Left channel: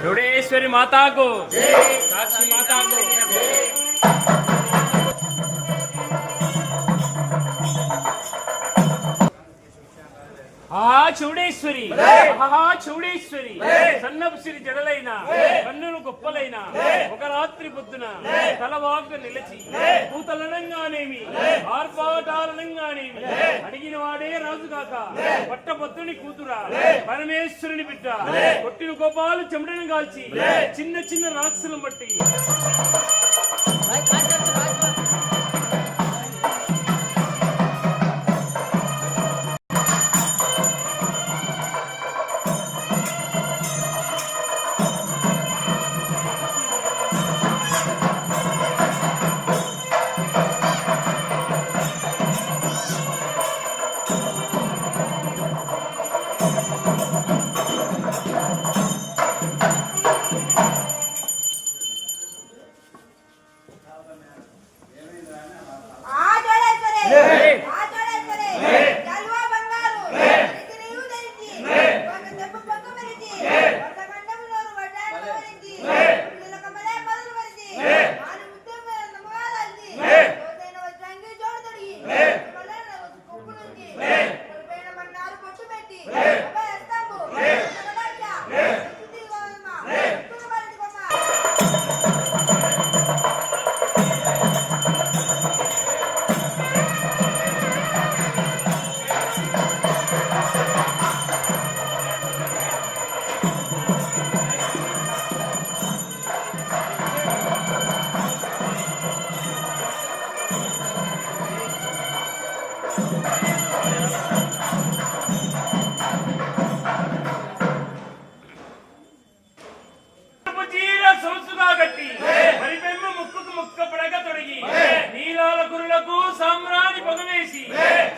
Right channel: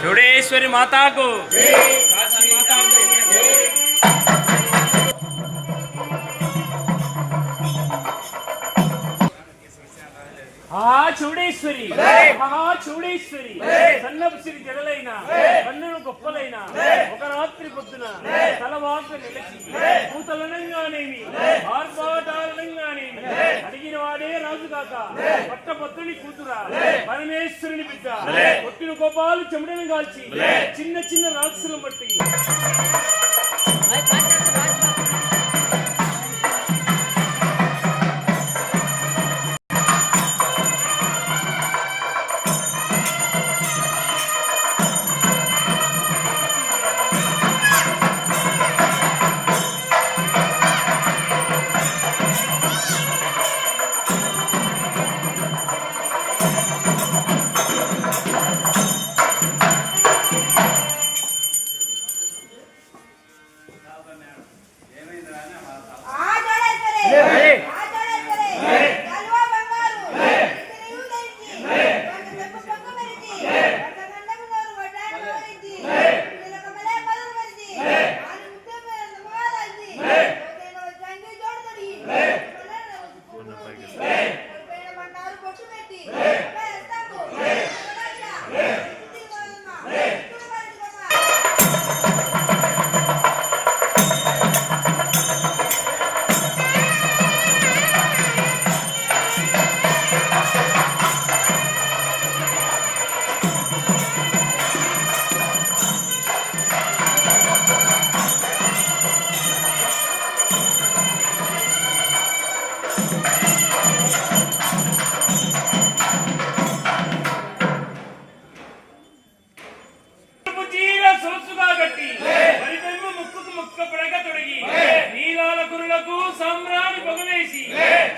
చూడేశ్వరి మాతాకు. కాశీ మాతాకు. ఆ చౌడేశ్వరి మహా చౌడేశ్వరి సన్నపు సిరి జడలైన కన్నులు గొప్పలైన ఒక రాత్రి పొద్దున తలవాకు నిలిచి కూతలనంగానేమి ఆర్భాటాలనంగానేమి అడిగిన వాడే రాజు కాక పట్టభద్రుని కూతురా పరమేశ్వరుని బిడ్డ. కొట్టిన గోపాలు చెమటను కాల్చి చిన్న చిన్న రాక్షసులను బట్టి. ঠিক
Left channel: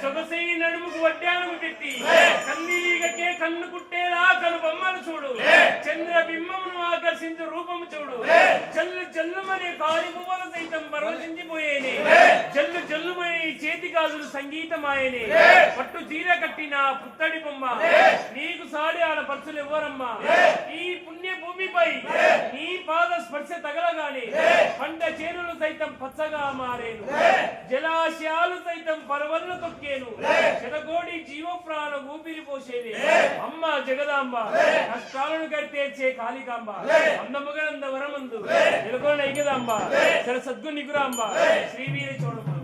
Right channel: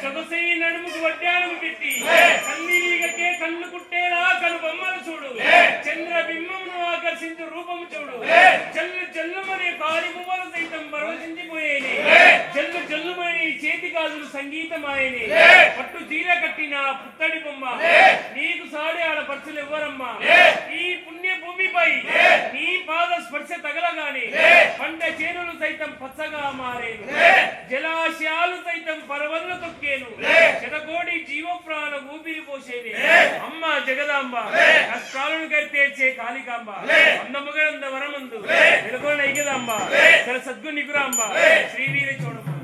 సొగసై నడుముకు వడ్డాలకు పెట్టి. కన్నీరిగకే కన్ను కుట్టేలా కను బొమ్మలు చూడు. చంద్ర బింబమును ఆకర్షించు రూపము చూడు. జల్లు జల్లుమనే కాలి పువ్వులు సైతం పరవశించిపోయేని జల్లు జల్లుమని చేతి గాజులు సంగీతమాయని. పట్టు చీర కట్టిన పుత్తడి బొమ్మ. నీకు సాడి ఆడ పర్సులు ఇవ్వరమ్మా ఈ పుణ్య భూమిపై నీ స్పర్శ తగలగానే పంట చేనులు సైతం పచ్చగా మారేను. జలాశయాలు సైతం పరవళ్ళు తొక్కేను. శతకోటి జీవ ప్రాణ ఊపిరి పోసేది అమ్మ జగదాంబ కష్టాలను కరితేర్చే కాళికాంబ. అందముగంద వరమందు వెలుగోన ఐగదాంబ సర సద్గు నిగురాంబ. శ్రీవీర చోడమ్మ